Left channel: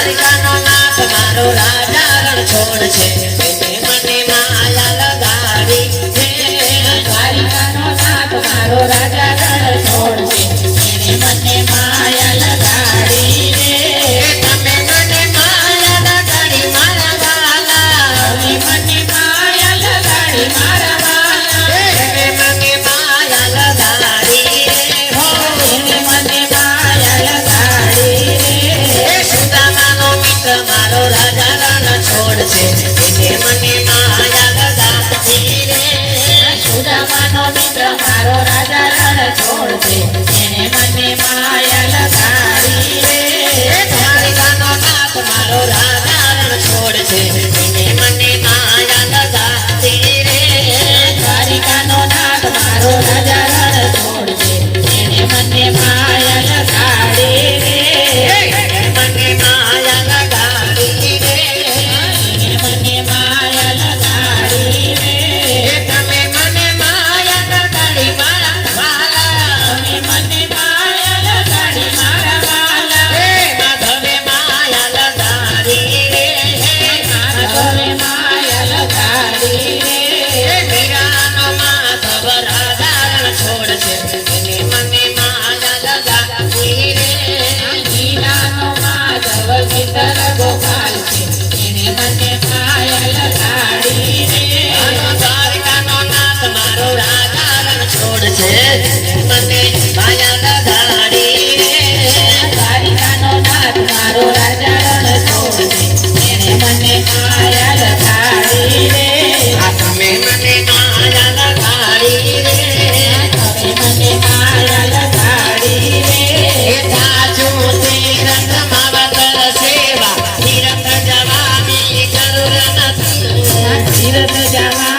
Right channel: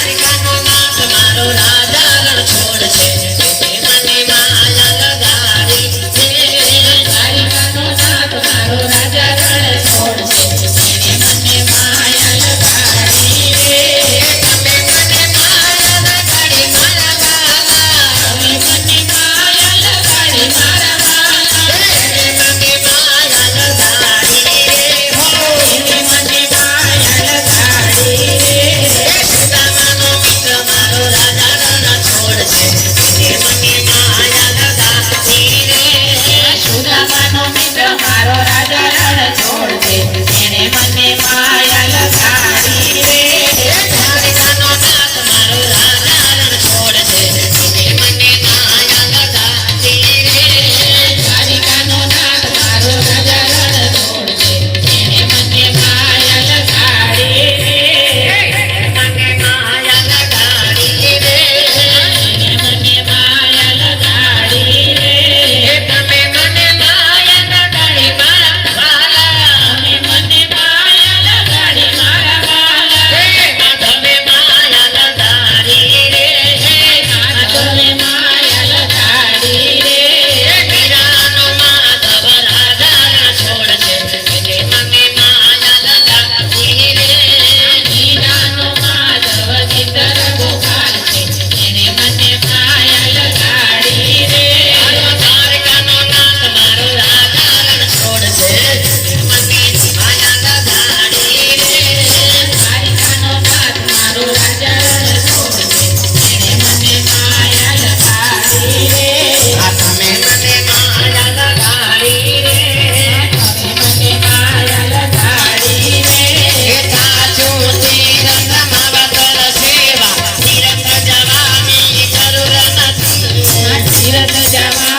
દ્વારિકાનો નાથ મારો રાજા રણછોડ છે. Thank you. Sarah.